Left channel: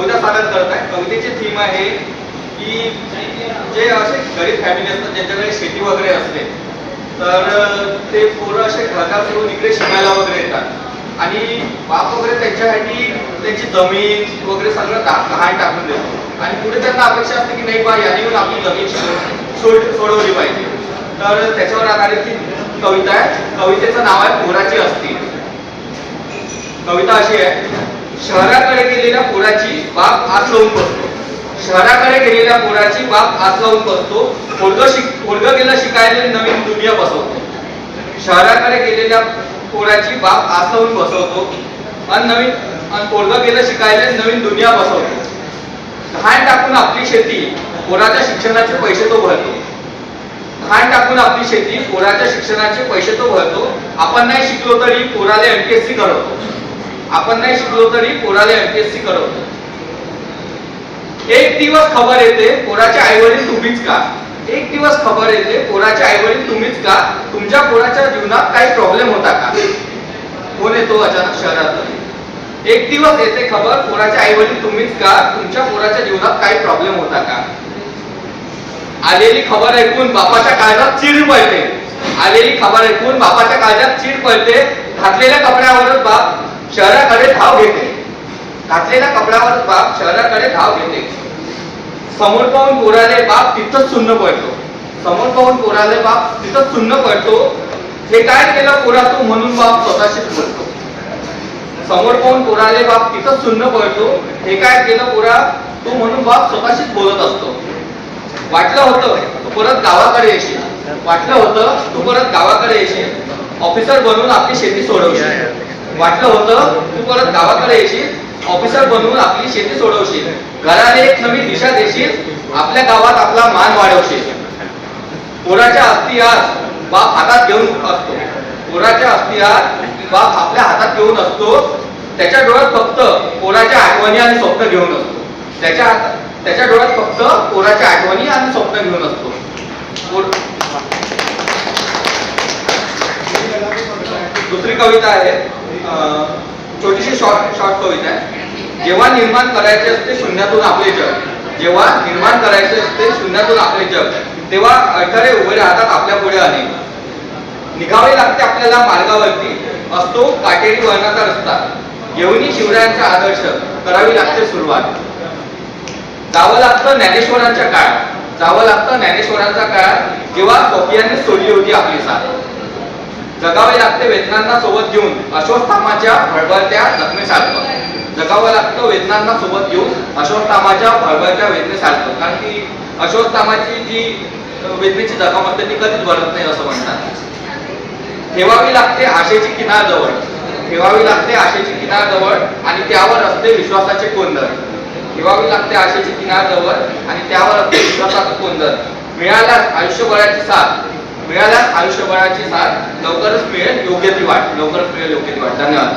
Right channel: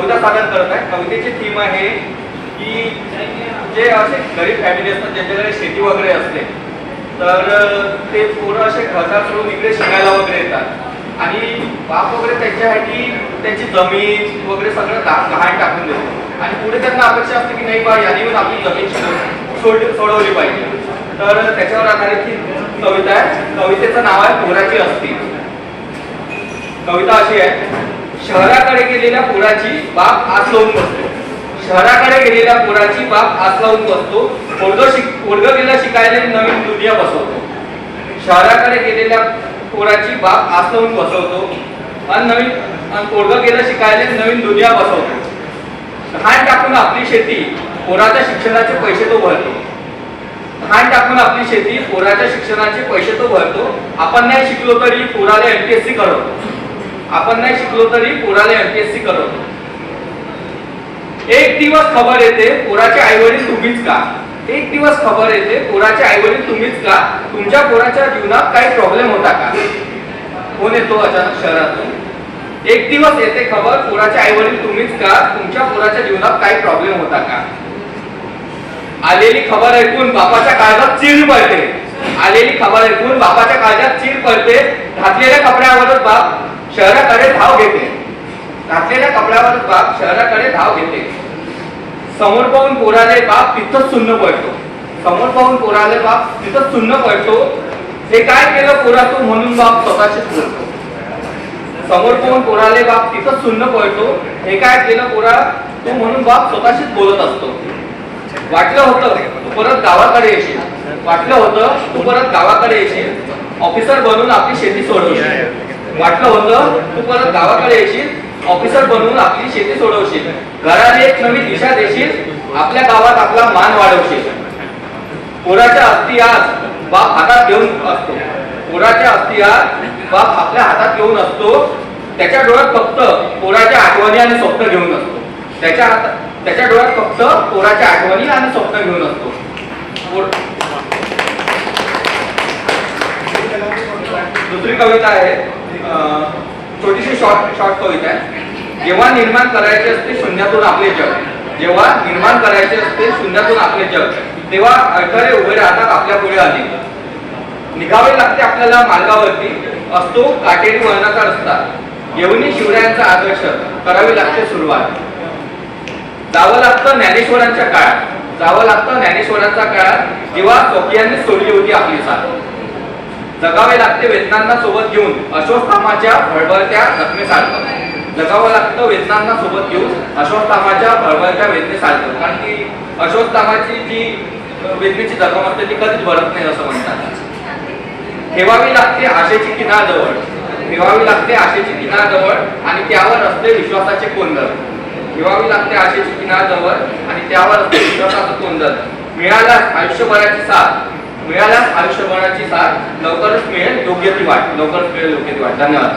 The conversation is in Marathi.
कविता सादर करत आहे. कवितेची थीम आहे की जे असे गरीब फॅमिली असतात ज्यांच्याकडे शेती वगैरे असते तर ते पोरं असे घरदार सोडून इकडे शिकायला वगैरे येतात आणि बाप वगैरे त्यांच्यासाठी त्यांची जमीन वगैरे सगळं गहाण टाकून देतो आणि पुढे त्यांना अपेक्षा असते की नाही बा याने आपली जमीन सोडवली पाहिजे. तर त्याच्यावर आधारित ही कविता आहे. कवितेचं नाव आहे पोराची असती. कविता अशी आहे. शहराकडे गेलेल्या पोराची बाप आस लावून बसतो. शहराकडे गेलेल्या पोराची बाप आस लावून बसतो. पोरगं गेलं शिकायला नवीन दुनिया बसवतो. शहराकडे गेलेल्या पोराची बाप आस लावून बसवतो आणि पोरगं गेलं शिकायला नवीन दुनिया बसवतो. धान टाकून आपली शेती पोराच्या शिक्षणाचे पैसे तो भरतो. धान टाकून आपली शेती पोराच्या शिक्षणाचे पैसे तो भरतो. आपण नाही शिकलो तरी पोराला एमपीएससी करवतो. आपण नाही शिकलो तरी पोराला एमपीएससी करवतो. एक दिवस खबर येते पोराचे आईवडील तुम्हीच का. एक दिवस खबर येते पोराचे आईवडील तुम्हीच का. तुमच्या पोराच्या जीवनात काही प्रॉब्लेम होता का. कोण येतो अचानक शहरात. एक दिवस येते खबर पोराचे आईवडील तुम्हीच का. तुमच्या पोराच्या जीवनात काही प्रॉब्लेम होता का. आलेली खबर ऐकून बापाच्या काळजात चीर पडते. आलेली खबर ऐकून बापाच्या काळजात चीर पडते. घातलेल्या कपड्यावरच बाप शहराकडे धाव घेते. घातलेल्या कपड्यावरच बाप शहराकडे धाव घेते. समोर पाहून पोराले बाप तिथंच सुन्न पडतो. समोर पाहून पोराले बाप तिथंच सुन्न पडतो. हे काय केलं पोरा तू म्हणून बाप स्वतःशीच बोलतो. समोर पाहून पोराले बाप तिथंच सुन्न पडतो. हे काय केलं पोरा तू म्हणून बाप स्वतःशीच बोलत असतो. वाटलं होतं तू परत गावाकडे येशील. वाटलं होतं तू परत गावाकडे येशील. ऑफिसर बनून आपली शेती सोडवशील. वाटलं होतं तू परत गावाकडे येशील. ऑफिसर बनवून आपली शेती सोडवशील. घराने एक नवी दिशा देशील. आपल्या गावात आपला मान वाढवशील. पोराच्या अस्थी आज बाप हातात घेऊन असतो. पोराच्या अस्थी आज बाप आपल्या हातात घेऊन असतो. त्याच्या डोळ्यात फक्त पोराच्या आठवणी आणि स्वप्न घेऊन असतो. त्याच्या डोळ्यात फक्त पोराच्या आठवणी आणि स्वप्न घेऊन असतो. दुसरी कविता आहे छोटीशी शॉर्ट कविता आहे. जेव्हा निर्माण करायचे असते शून्यातून आपले जग. जेव्हा निर्माण करायचे असते शून्यातून आपले जग तेव्हा अडथळे उभे राहतात आपल्या पुढे अनेक. निघावे लागते आपल्याला मार्गावरती. असतो काटेरी वळणाचा रस्ता. घेऊन शिवरायांचा आदर्श करावी लागते सुरुवात. जावं लागतं ज्ञानेश्वरांच्या काळात. जावं लागतं ज्ञानेश्वरांच्या काळात जेव्हा स्वकीयांनी सोडली होती आपली साथ. जगावे लागते वेदनांना सोबत घेऊन अश्वत्थामाच्या भळभळत्या जखमेसारखं. जगावं लागतं वेदनांना सोबत घेऊन अश्वत्थामाच्या भळभळत्या वेदनेसारखं. कारण की अश्वत्थामाची जी वेदनेची जखम असते ती कधीच भरत नाही असं म्हणतात. ठेवावी लागते आशेची किनार जवळ. ठेवावी लागते आशेची किनार जवळ आणि त्यावर असते विश्वासाचे कोंदर. ठेवावी लागते आशेची किनार जवळ आणि त्यावर असते विश्वासाचं कोंदर. मिळाल्यास आयुष्यभराची साथ. मिळाल्यास आयुष्यभराची साथ. लवकरच मिळेल योग्य ती वाट. लवकरच मिळेल योग्य ती वाट. धन्यवाद.